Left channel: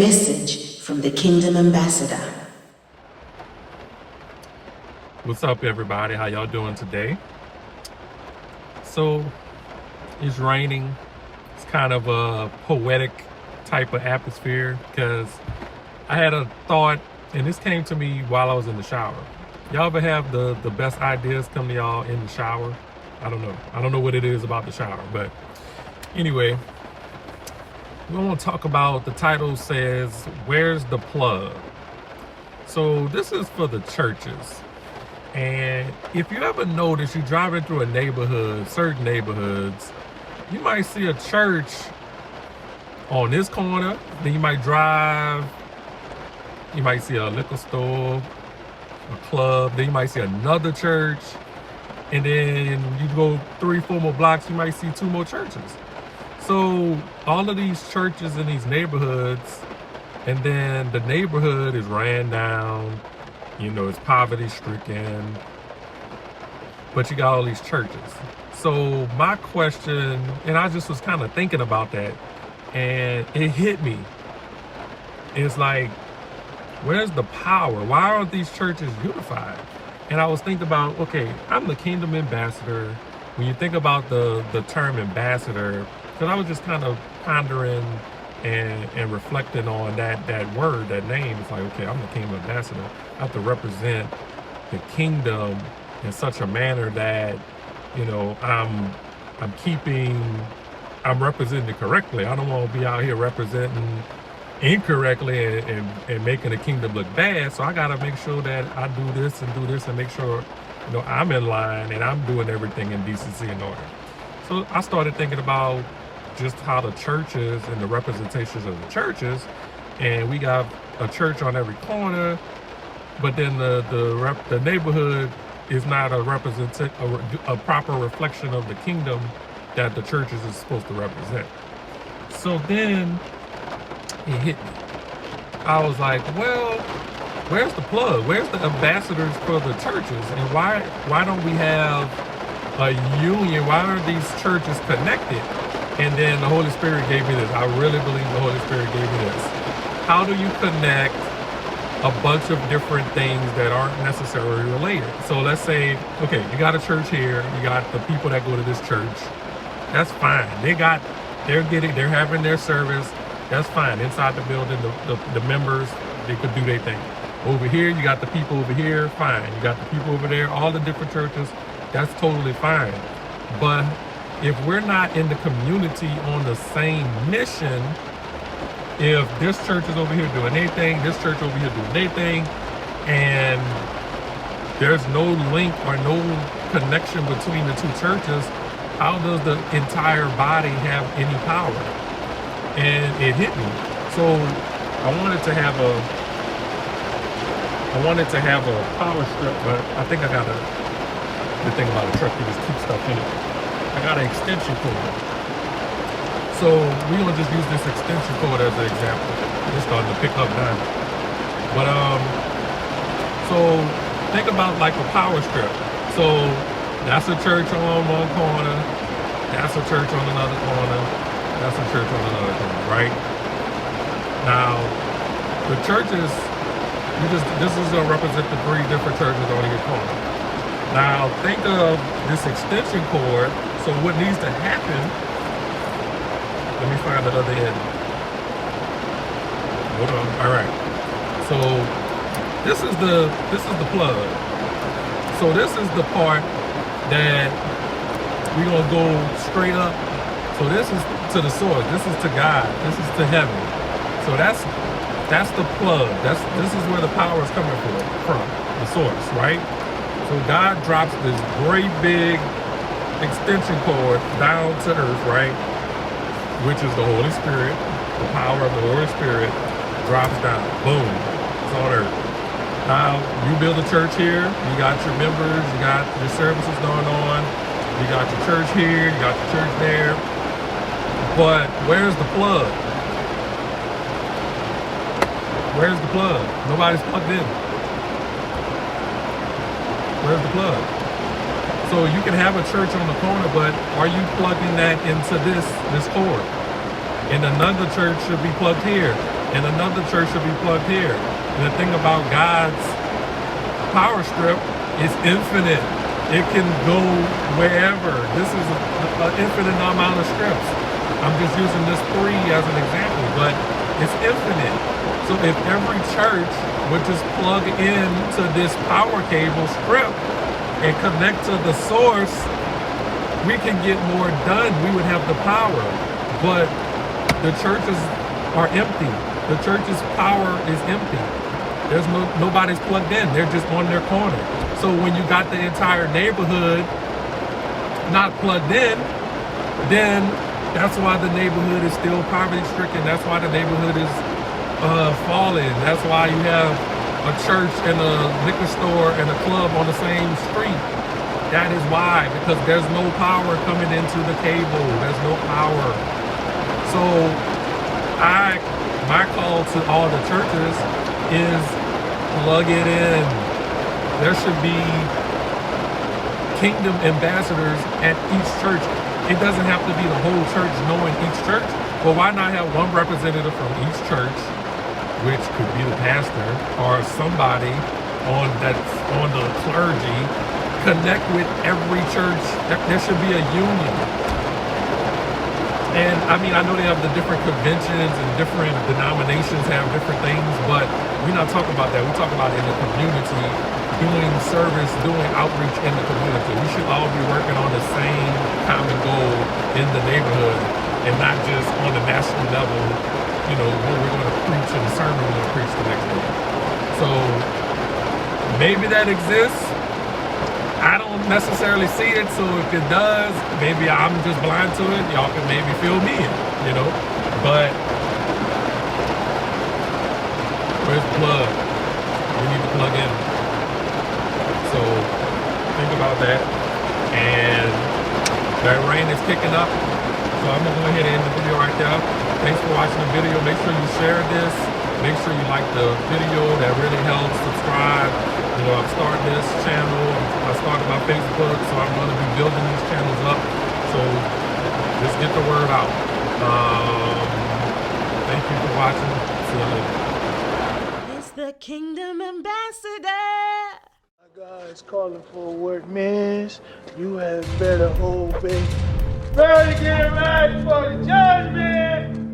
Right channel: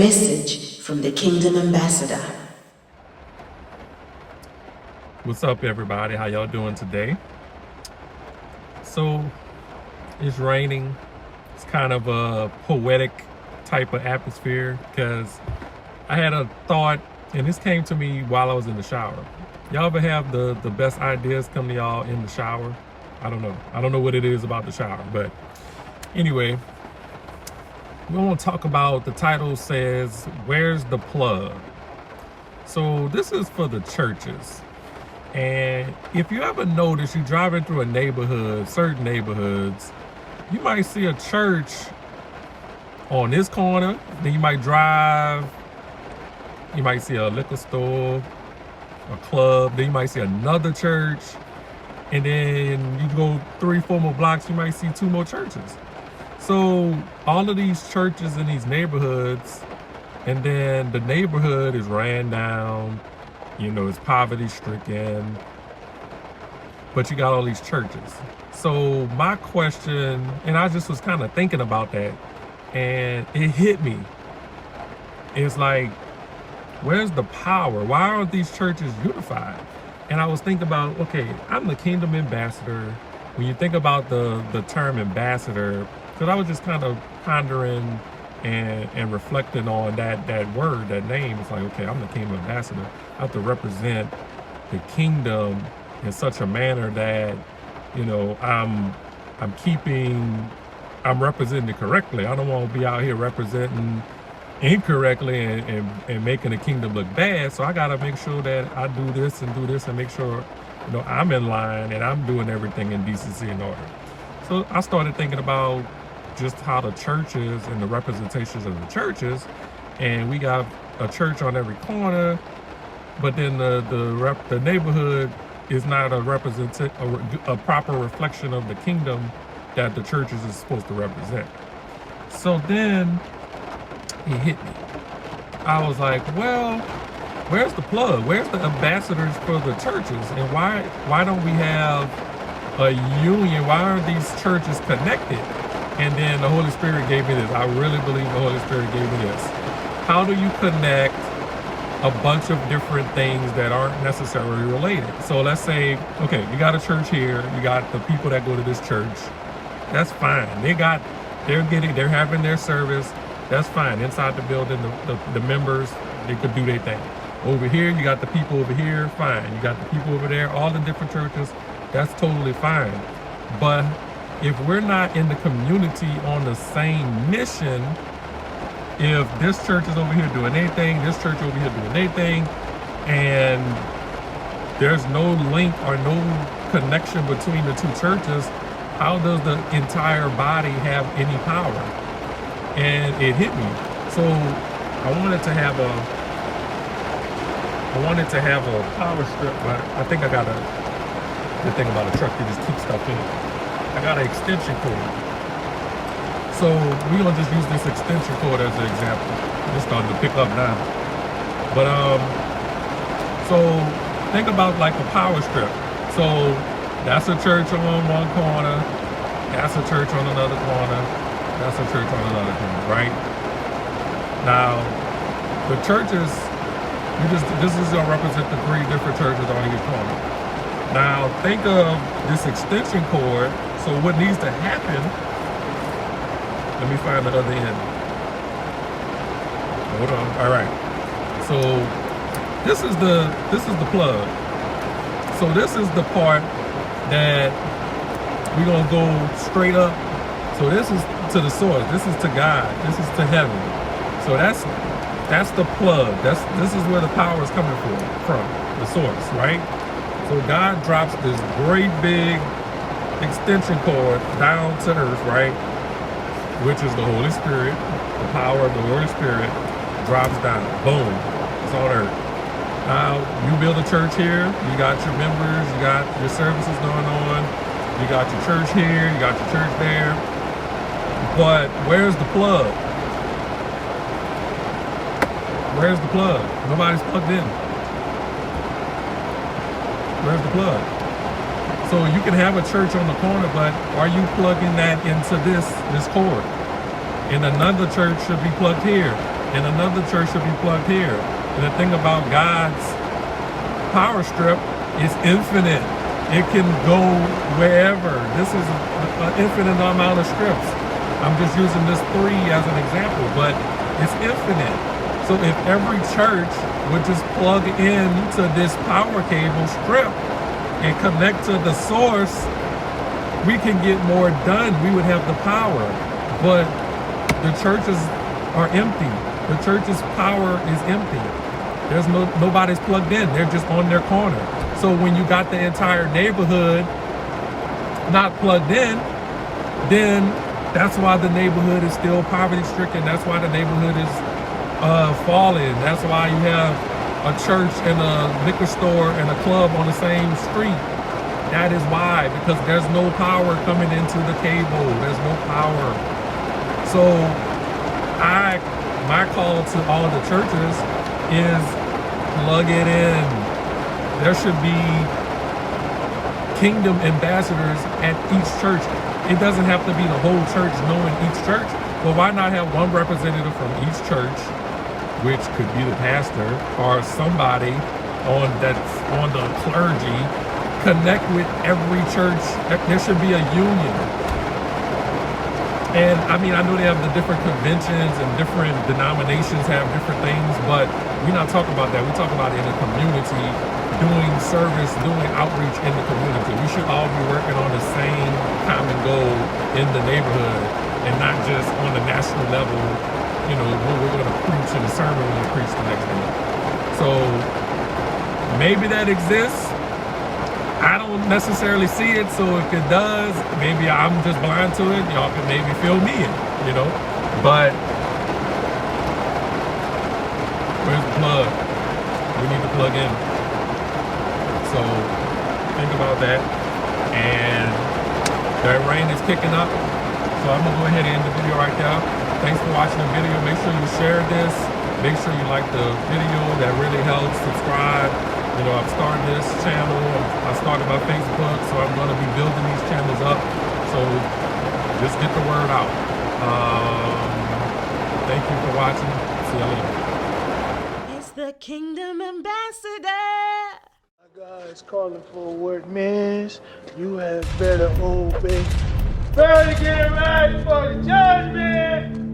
message from the Kingdom Ambassador. What's up, everybody? How y'all doing today? So it's raining. It's kind of a poetic type of atmosphere because I had a thought, and this came to me while I was in the shower. Y'all ever have the best ideas come to y'all in the shower? I don't know what it is about the shower, but anyway, we want to talk about, the title says, Where's the Plug? So this is for the churches. And if you ever notice, you're driving through a neighborhood, certain neighborhoods, you might see a church on this corner, then you might drive, you might see a liquor store, a club, then you might see another church, and then you go 3-4 more blocks, you might see 2 more churches. So all of these churches in these neighborhoods, and then the neighborhood is ran down, you know, it's poverty stricken, but you got all these churches. So my question, and I just was kind of thinking about that, and it hit me. It's like, where's the power? Why aren't these churches unified? And I was thinking about, okay, I'm the Kingdom Ambassador. When you think about the term ambassador, because I was just kind of pondering and reflecting on that word, that name. It's like, okay, I'm the Kingdom Ambassador. I have to represent the kingdom in such a manner that, you know, I'm representing it correctly. I don't want to be out here representing incorrectly and making the kingdom look bad. So I got to make sure that I do this and make sure, you know, I'm in line and I'm doing everything in decency and order. So I started thinking about just how the churches and the representations of the churches, and we got a church on every corner, but then the neighborhood is not a proper reflection of the kingdom that the churches is supposed to represent. So then it hit me. I was like, well, where's the plug? Where's the ambassadors for the churches? And why don't we have a union? Why aren't these churches connected? And then the Holy Spirit gave me this. I really believe the Holy Spirit gave me this. How do you connect a bunch of different things that aren't necessarily related? So let's say, okay, you got a church here, you got the people that go to this church. That's fine. They're having their service. That's fine. Inside the building, the members, they could do their thing. Over here, you got the people over here, fine. You got the people over there, all the different churches, that's totally fine. But if we're not in the community on the same mission, if this church is over here doing anything, this church over here doing anything, and there's no link or no connection between the 2 churches, how does the entire body have any power? And it hit me. So I wanted to have a power strip, but I think I got the thing about a truck, you just keep stuff in it. I got an extension cord. So we're gonna just use this extension cord as an example. It's starting to pick up now. But so think about like a power strip. So that's a church on one corner, that's a church on another corner, that's a church on another corner, right? Now the churches, this is gonna represent the 3 different churches on each corner. Now think of this extension cord. So what needs to happen, let me find the other end. Hold on. All right. So this is the plug. So this is the part that we're gonna go straight up. So this is to the source. This is to God. This is to heaven. So that's the plug. This is where the power is coming from the source, right? So God drops this great big extension cord down to earth, right? Which is the Holy Spirit. The power of the Holy Spirit drops down. Boom. It's on earth. Now, you build a church here. You got your members. You got your services going on. You got your church here. You got your church there. But where's the plug? Where's the plug? Nobody's plugged in. Where's the plug? So you can have a church on the corner, but are you plugging that into this cord? And another church should be plugged here. and another church should be plugged here. And the thing about God's power strip is infinite. It can go wherever. This is an infinite amount of strips. I'm just using this 3 as an example, but it's infinite. So if every church would just plug into this power cable strip and connect to the source, we can get more done. We would have the power. But the churches are empty. The church's power is empty. There's nobody's plugged in. They're just on their corner. So when you got the entire neighborhood not plugged in, then that's why the neighborhood is still poverty stricken. That's why the neighborhood is falling. That's why you have a church and a liquor store and a club on the same street. That is why, because there's no power coming into the cable. There's no power. So my call to all the churches is plug it in. There should be kingdom ambassadors at each church. It doesn't have to be the whole church knowing each church, but why not have one representative from each church, which could be the pastor or somebody on the clergy, connect with every church. There should be a union. And I mean, I know they have the different conventions and different denominations have different things, but we're not talking about that. We're talking about in the community, doing service, doing outreach in the community. We should all be working on the same common goal in the neighborhood and not just on the national level, you know, when we're going to preach in the sermon, we're going to preach the next day. So maybe that exists. I don't necessarily see it, so if it does, maybe I'm just blind to it. Y'all can maybe fill me in, you know? But where's the plug? We need to plug in. So think about that. And that rain is kicking up. So I'm gonna go ahead and end the video right there. Thanks for watching the video. Make sure you share this. Make sure you like the video. That really helps. Subscribe. You know, I've started this channel. I started my Facebook, so I'm going to be building these channels up. So just get the word out. Thank you for watching. See you later. It's the Kingdom Ambassador. God's calling for a work, man. You had better obey. Better get ready for the judgment.